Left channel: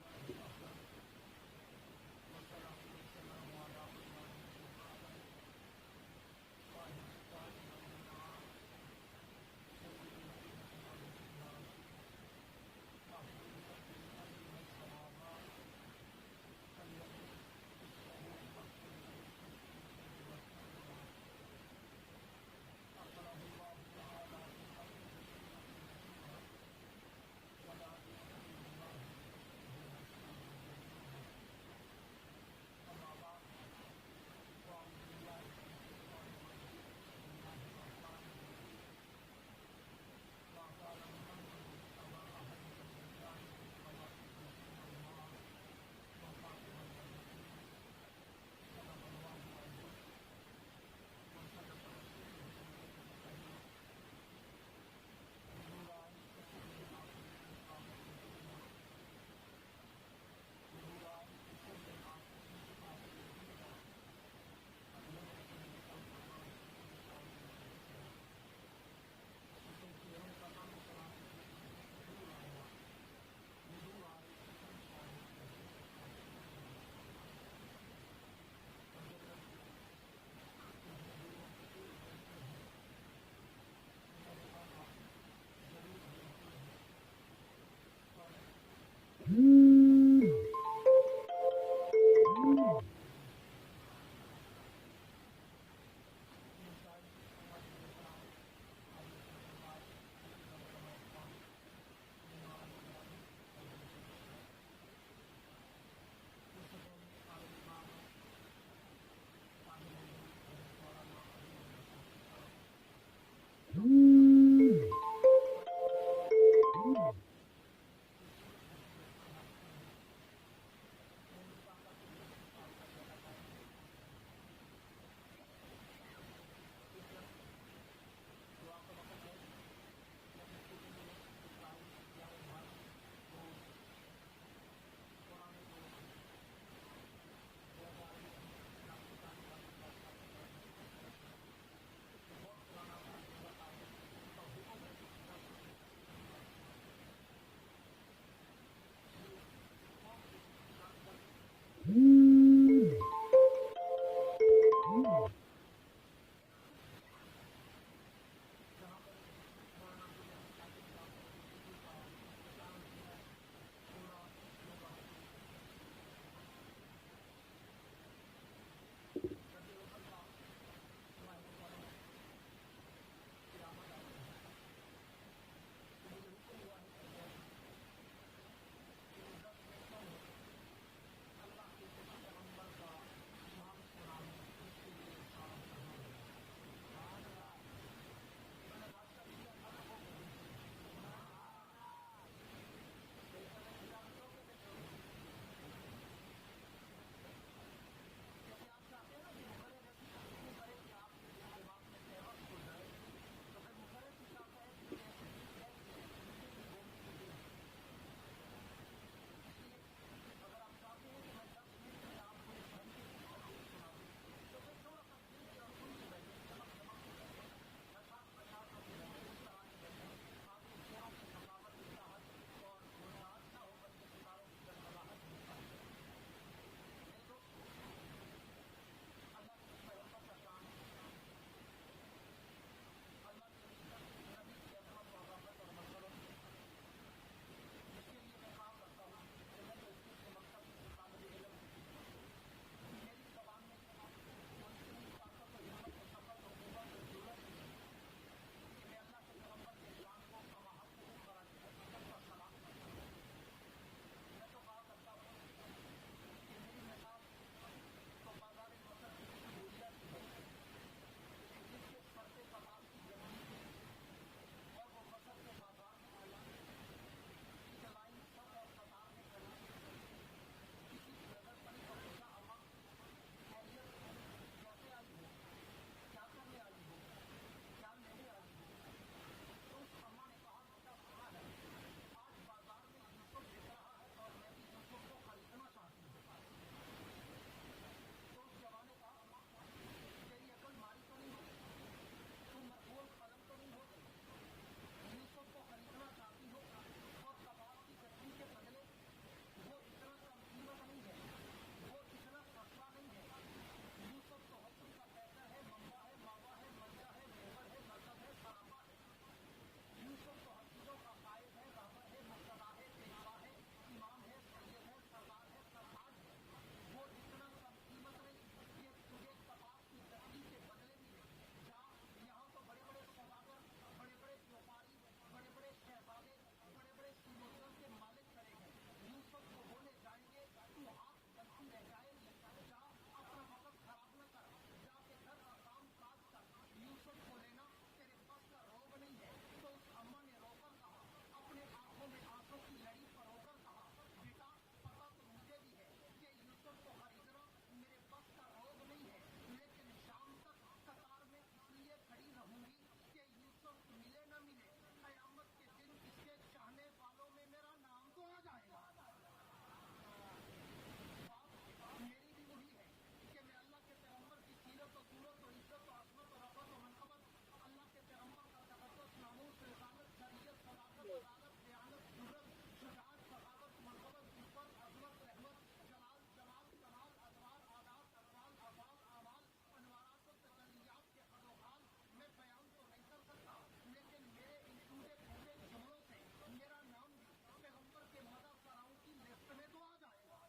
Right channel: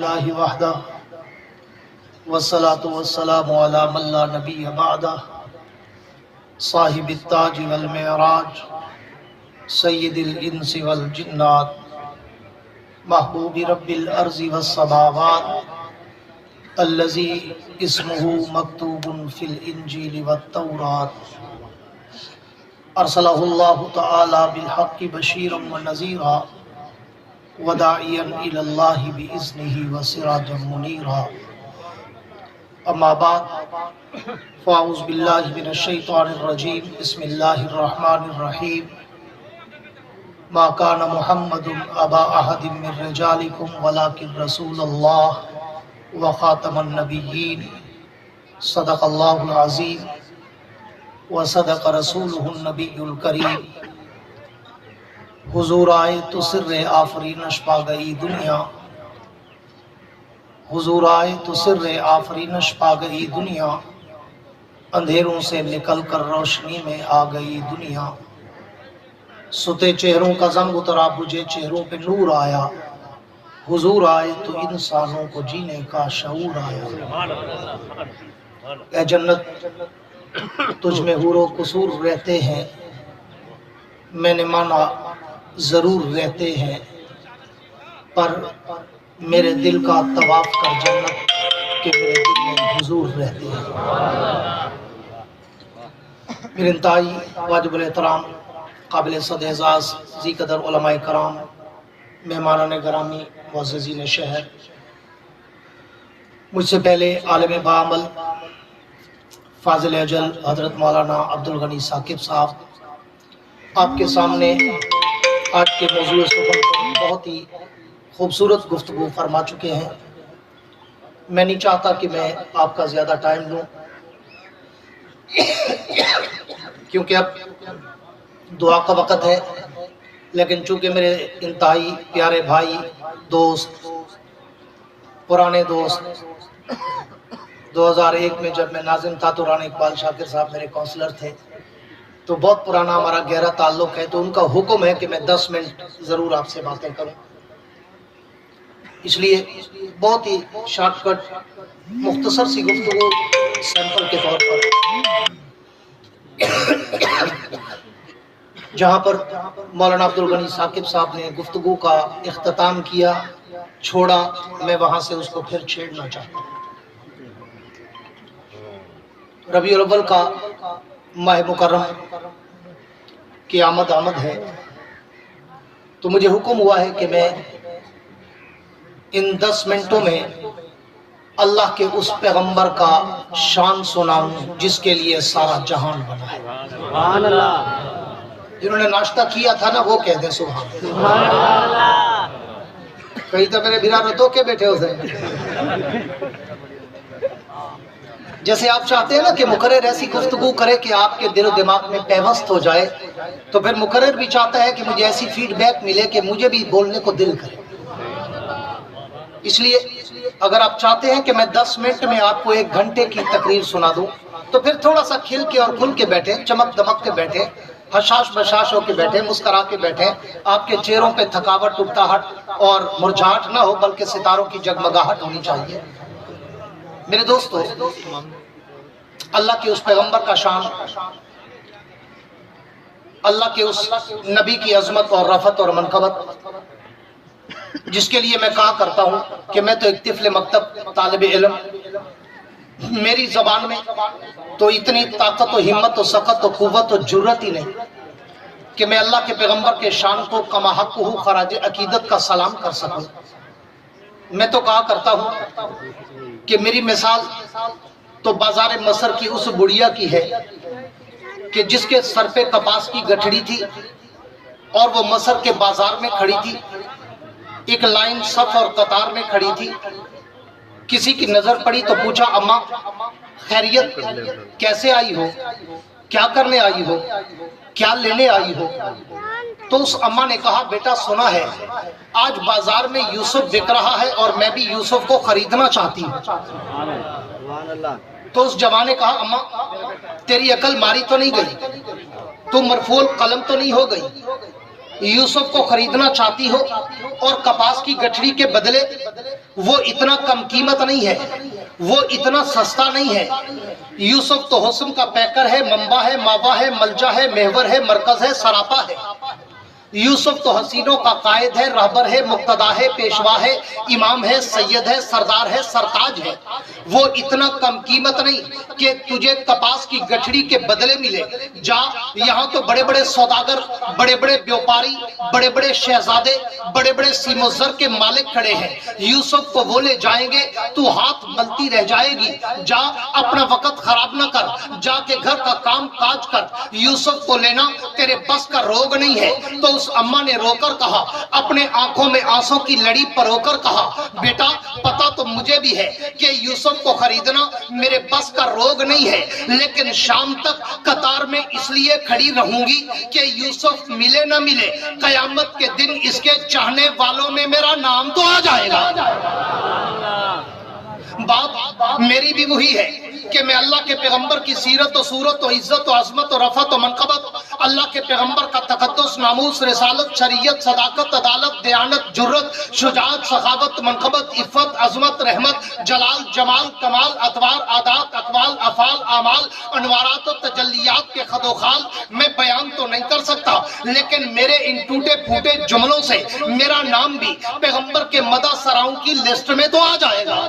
للہ وحدہ والصلاة والسلام علی من لا نبی بعدہ صاحب التاج والمعراج سید الانس والجنات محبوب رب الارض والسماوات الذی اسمہ مکتوب فی الانجیل والتورات ارسلہ اللہ تعالی بالحق بشیرا ونذیرا وداعیا الی اللہ باذنہ وسراجا منیرا اما بعد فاعوذ باللہ من الشیطان الرجیم بسم اللہ الرحمن الرحیم ما کان محمد ابا احد من رجالکم ولکن رسول اللہ وخاتم النبیین صدق اللہ العظیم وصدق رسولہ النبی الکریم حضور آئے تو سر آفرینش پا گئی دنیا حضور آئے تو سر آفرینش پا گئی دنیا اندھیروں سے نکل کر روشنی میں آ گئی دنیا ستے چہروں کا زنگ اترا بجھے چہروں پہ نور آیا حضور آئے تو انسانوں کو جینے کا شعور آیا اے جنت تجھ میں حور و قصور رہتے ہیں میں نے مانا ضرور رہتے ہیں پر میرے دل کا طواف کر جنت کہ میرے دل میں حضور رہتے ہیں میرے انتہائی واجب الاحترام قابل صد اعزاز ذی قدر علماء کرام مہمانان گرامی معززین شہر مجھ سے پہلے عالم بعمل فاضل اجل حضرت مولانا عبدالغنی ثاقب صاحب آپ کے سامنے آج کے موضوع سخن پر بہت ہی خوبصورت گفتگو فرما چکے ہیں میں نہیں چاہتا کہ میں آپ کا زیادہ ٹائم لوں کیونکہ اب دعا کا وقت ہے لیکن چونکہ میرے انتہائی پیارے بھائی دوست پرانے دوست 2001 میں جب میں ناظم تھا تو رانا اقبال شاکر صاحب میرے کونسلر تھے تو بہت پرانا ہمارا گہرا تعلق ہے تو ان کا حکم ہے کہ میں 10 منٹ ضرور آپ سے باتیں کروں اس لیے بہت ہی شارٹ کٹ مختصر سی گفتگو سیمپل کے طور پر جہاں پر مولانا عبدالغنی ثاقب صاحب نے گفتگو کا اختتام کیا چھوڑا میں وہاں سے اس کو پھر چھیڑنا چاہتا ہوں ربیع الاول کا ماہ مکرم کی آمد ہے تو مجھے حکم ہوا ہے کہ میں ان 10 منٹوں میں اللہ کے اس پیغمبر کا شان سناؤں جس کے لیے سارا جہان بنا ہے سبحان اللہ جنہوں نے ناشتہ کیا تھا نا وہ کہہ دیں سبحان اللہ کہیں تو میرے بھیرا رتو کے بیٹھے ہو سے جیسے آپ چاہتے ہیں نا کہ مقرر ایسی گفتگو کرے کہ آپ کے دل و دماغ میں پیوست ہو جائے تو پھر مقرر بھی چاہتا ہے کہ مجھے ایسی فیڈ بیک ملے کہ مجھے بھی بولنے کو دل کرے اس لیے اگر آپ چاہتے ہیں کہ میں 10 منٹ میں آپ کو 1 گھنٹے کی تقریر سنا دوں تو پھر تھوڑا سا کھل کے اور کھل کے بیٹھے چمک دمک کے بیٹھے حشاش بشاش ہو کے بیٹھے مسکرا کے بیٹھے آپ کے چہروں پہ تھکاوٹ ٹوٹاہٹ اور مرجھاٹ نہ ہو بلکہ ستاروں کی جگمگاہٹ ہونی چاہیے میرے دوستو اللہ کے اس پیغمبر کا شان اللہ کے اس نبی کی عظمت اور رفعت اور منقبت جس کے لیے میں کہا کرتا ہوں کہ میں تو ایک طفل مکتب طالب علم میری زبان میں تو اتنی طاقت و ہمت و سخت و قوت و جرت ہی نہیں کہ میں اللہ کے پیغمبر کے شان کو کما حق ہو خراج عقیدت کا سلام کر سکوں میں تو کہا کرتا ہوں کہ میری مثال تو بازار مصر کی اس بڑیا کی ہے کہ جس کے سر پہ کپاس کی گٹھڑی تھی اور وہ مصر کے بازار میں کھڑی تھی ایک لائن صف اور قطار میں کھڑی تھی کسی کی نظر پڑی تو پوچھا اماں خیریت کیسے آئی ہو کیا کرنے آئی ہو کیا لینے آئی ہو تو اس اماں نے کہا بیٹا سنا ہے آج بازار میں یوسف بک رہا ہے اور میں بھی یوسف کو خریدنا چاہتی ہوں تو اس جوان نے کہا اماں تیری عقل ماری تو نہیں گئی تو مرفوع قلم تو نہیں ہو گئی یوسف کو خریدنا چاہتی ہو اور کپاس کی گٹھڑی کے بدلے وہ اتنا کم قیمت نہیں ہے، وہ اتنا سستا نہیں ہے۔ یوسف تو حسن کا پیکر ہے، منبع ہے، ماوا ہے، ملجا ہے، محور ہے، مرکز ہے، سراپا ہے۔ یوسف تو حسینوں کا قائد ہے، رہبر ہے، مقتدا ہے، پیشوا ہے، امام ہے، سید ہے، سردار ہے، سرتاج ہے۔ وہ اتنا کم قیمت نہیں کہ تجھے کپاس کی گٹھڑی کے بدلے ملے۔ جا، یہاں تو بڑے بڑے سوداگر، بڑے بڑے بیوپاری، بڑے بڑے شہزادے، بڑے بڑے سیم و زر کے مالک کھڑے ہیں۔ یوسف کو وہ لے جائیں گے، تو ہاتھ ملتی رہ جائے گی۔ جا، اپنا وقت خراب نہ کر، جا کے گھر کا کام کاج کر۔ یوسف کو لینا تیرے بس کا روگ نہیں ہے۔ تو اس اماں نے رو کر کہا، اپنے آنکھوں میں آنسوں کی لڑی پرو کر کہا، بیٹا پتا تو مجھے بھی ہے کہ یوسف کو خریدنا میرے بس کا روگ نہیں ہے، لیکن شام تک قطار میں اس لیے کھڑی رہوں گی کہ یوسف ملے نہ ملے، قیامت کے دن اس کے چاہنے والوں میں میرا نام تو آ جائے گا۔ بات میری بھی وہی ہے کہ میں اللہ کے پیغمبر کی سیرت و صورت و عزت و عظمت و رفعت و منقبت، اللہ کے پیغمبر کا تقدس، ناموس، رسالت، شریعت، صداقت، عدالت، دیانت، جرت، شجاعت، سخاوت، منقبت، عفت، عظمت، رحمت، جلال، جمال، کمال، اطوار، عادات، اقوال، افعال، اعمال، انوارات و تجلیات کے خد و خال میں بیان تو نہیں کر سکتا، لیکن میرے ان ٹوٹے پھوٹے جملوں سے میرا نام بھی پیغمبر کے مدح سراؤں کی لسٹ میں تو آ جائے گا۔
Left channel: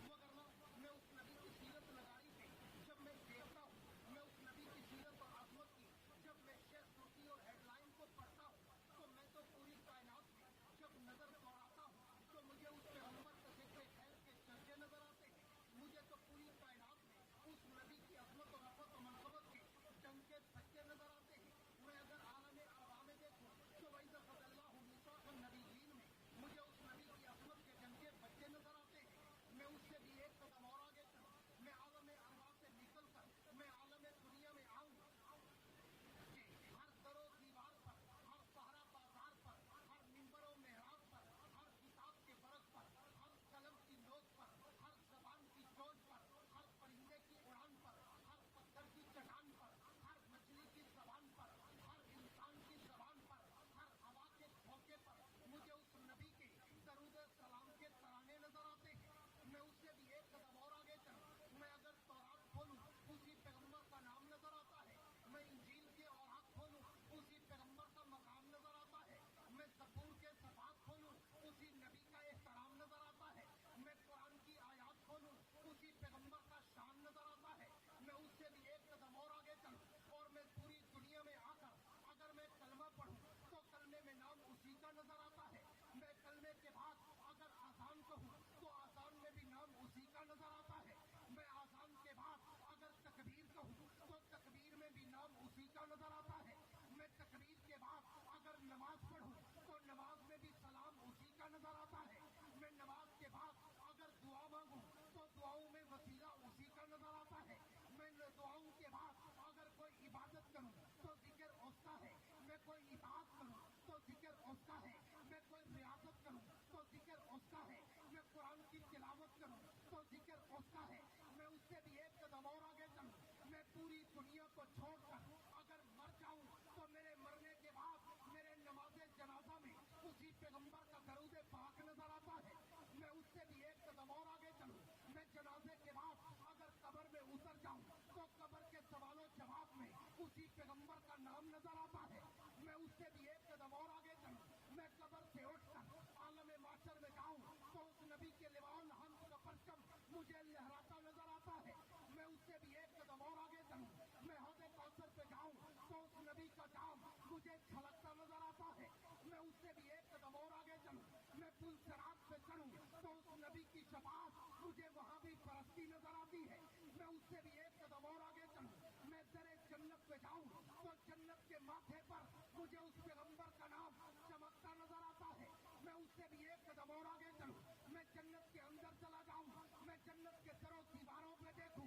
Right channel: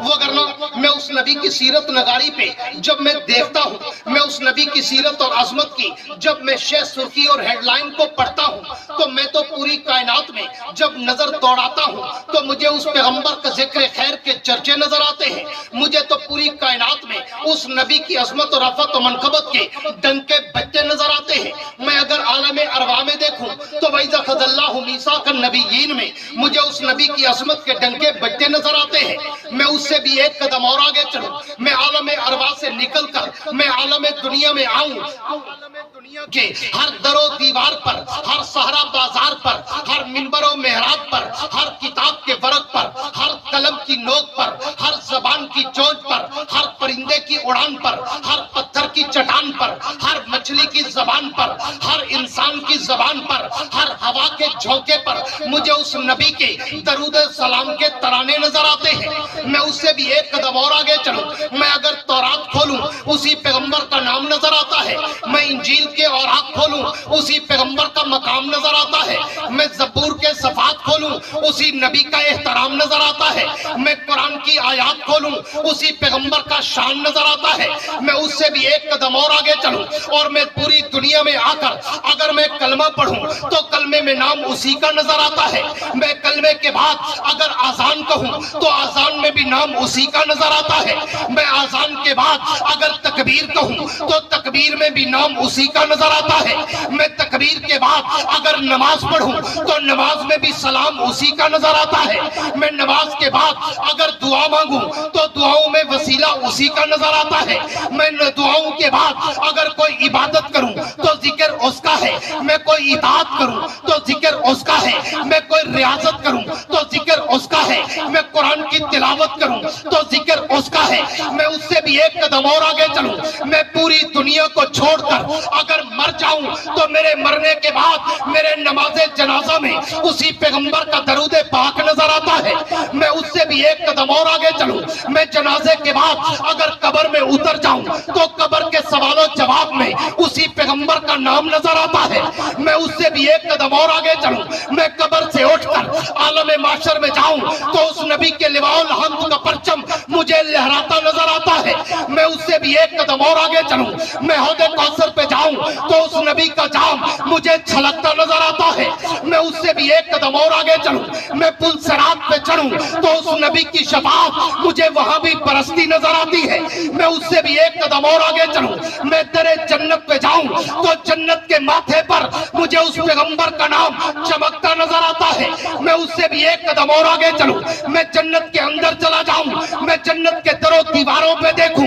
وہ کرنا میں اس نبی کی سیرت نگاری پہ جب میں دیکھتا ہوں، میں اس نبی کی سیرت اور عظمت کی جب میں شہ سرخی اور ہیڈ لائن کو پڑھتا ہوں، تو میں تو پوری کائنات میں جب نظر دوڑاتا ہوں تو مجھے اس پیغمبر کا ذکر خیر کے چرچے نظر آتے ہیں۔ مجھے تو پوری کائنات میں اس نبی کی عظمت اور رفعت و منقبت کے ڈنکے بجتے نظر آتے ہیں۔ میں اگر عالم ارواح میں دیکھوں تو وَإِذَا أَخَذَ اللَّهُ مِيثَاقَ النَّبِيِّينَ میں مجھے اس نبی کی عظمت کے ڈنکے بجتے نظر آتے ہیں۔ میں اس سے بھی ایک قدم اور آگے چلوں، میں عالم ارواح سے نکل کر میں عالم دنیا میں آؤں، عالم دنیا کے ہر در و دیوار پر، ہر صحرا بازار پر، ہر منبر و محراب پر، ہر کتاب کے ورق پر، ہر قلم کی نوک پر، ہر زبان کی چونچ پر، ہر پرندے کی اڑان پر، ہر پتھر کی چٹان پر، ہر مچھلی کی زبان پر، ہر انسان کی زبان پر، ہر ہوا کے جھونکے پر مجھے اس نبی کے درود سلام کے ترانے نظر آتے ہیں۔ میں اس سے بھی ایک قدم اور آگے چلوں، میں اگر تورات کھولوں اسی پیغمبر کا نام نظر آتا ہے، میں انجیل کے اوراق کھولوں اسی پیغمبر کا مقام نظر آتا ہے، میں زبور کے صفحات کھولوں اسی نبی کا احترام نظر آتا ہے، میں قرآن کی آیات کھولوں اسی پیغمبر کا شان نظر آتا ہے۔ میں اس سے بھی ایک قدم اور آگے چلوں اور میں پوری دنیا میں آ کر اگر میں کلمہ پڑھوں تو کلمے میں نام اسی کا نظر آتا ہے، میں کلمے کے بعد اگر آذان کہوں تو آذان میں بھی نام اسی کا نظر آتا ہے، میں آذان کے بعد اگر تکبیر کہوں تو تکبیر میں بھی نام اسی کا نظر آتا ہے، میں تکبیر کے بعد اگر نماز پڑھوں تو نماز میں بھی سلام اسی کا نظر آتا ہے، میں نماز کے بعد اگر دعا مانگوں تو دعاؤں میں وسیلہ اسی کا نظر آتا ہے، میں دعاؤں کے بعد اگر کوئی عبادت کروں تو ذکر اس کا ہے، میں کوئی اطاعت کروں تو ذکر اس کا ہے، میں کوئی ریاضت کروں تو ذکر اس کا ہے، میں قرآن کی تلاوت کروں تو ذکر اس کا ہے۔ میں اس سے بھی ایک قدم اور آگے چلوں، میں پوری دنیا کو چھوڑ کر اگر مر جاؤں تو میرے مرنے کے بعد میرے نماز جنازہ میں اسی پیغمبر کا درود پاک نظر آتا ہے۔ میں اس سے بھی ایک قدم اور آگے چلوں، میں جنازے کے بعد اگر قبر میں اتر جاؤں تو قبر کے سوال و جواب میں اسی پیغمبر کا نام نظر آتا ہے۔ میں اس سے بھی ایک قدم اور آگے چلوں، میں قبر سے اٹھ کر عالم معاشر میں جاؤں تو اس نبی کے لواء الحمد کا پرچم مجھے لہراتا نظر آتا ہے۔ میں اس سے بھی ایک قدم اور آگے چلوں، میں حوض کوثر پہ جاؤں تو اس نبی کا جام مجھے چھلکتا نظر آتا ہے۔ میں اس سے بھی ایک قدم اور آگے چلوں، میں پل صراط پہ چڑھوں تو اس نبی کی شفاعت مجھے وہاں بھی برستی نظر آتی ہے۔ میں اس سے بھی ایک قدم اور آگے چلوں، میں در جنت پہ جاؤں تو جنت کے ماتھے پر مجھے اس پیغمبر کا نام چمکتا نظر آتا ہے۔ میں اس سے بھی ایک قدم اور آگے چلوں، میں جنت کے اندر چلا جاؤں، میں جنت کے در و دیواروں پہ دیکھوں،